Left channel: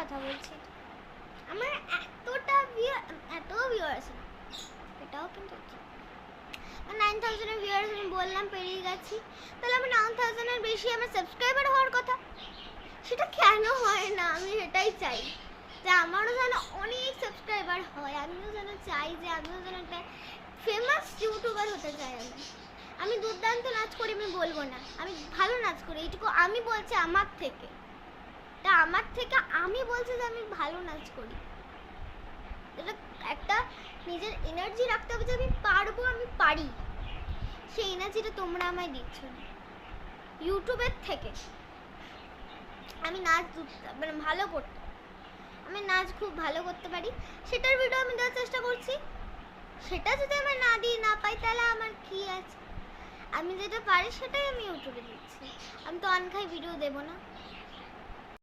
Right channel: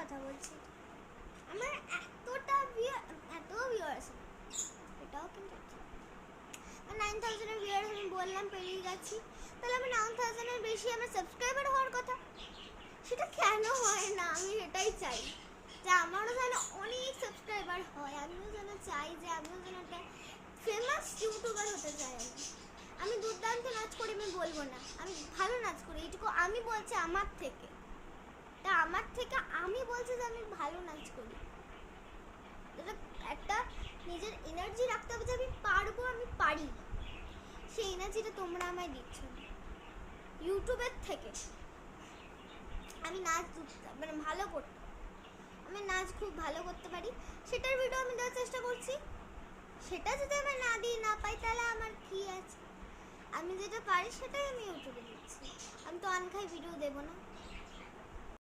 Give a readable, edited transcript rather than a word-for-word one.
কথা বলছি, আমার এত ভিউয়ার আছে, এটাও কিন্তু 9000 ভিউয়ার্স আমি বললাম পেরিয়ে গেছি, তাহলে আমার 9000 এর বেশি আমার সাবস্ক্রাইবার হওয়ার কথা, সেটা কেন হয় না? আমি সেটাই চাই যে আমারও যেন অনেক সাবস্ক্রাইবার হয়, আমিও যেন চাই যে আমিও যেন একটা ফেমাস ইউটিউবার হতে চাই। আমি দুর্দান্ত নাচ করি আমি বলবো না, আমি ভালো নাচ করি, এইটুকু আমি বলছি আমার থেকে, তা আমার থেকে আমি বলছি যে আমি ভালো নাচ করি। এটা একটা নিজের এনার্জি রাখতে হবে যে আমি পারবো, আমি পারি, সেই এনার্জিটা তোমরা আমায় দিচ্ছ না। ইউটিউবের থেকে আমি নাচ মানে ভালো করতে, আমি নাচ খুব ভালো করতে পারি, সেটার ভিডিও আমি দেওয়ার চেষ্টা করছি। সেটা যদি আমি না দিই না পাই তাহলে আমার কি আছে? আমি যেটা পারি সেটাই আমি ইউটিউবে দিচ্ছি, আমি তো অনখাই ভিডিও দেবো না।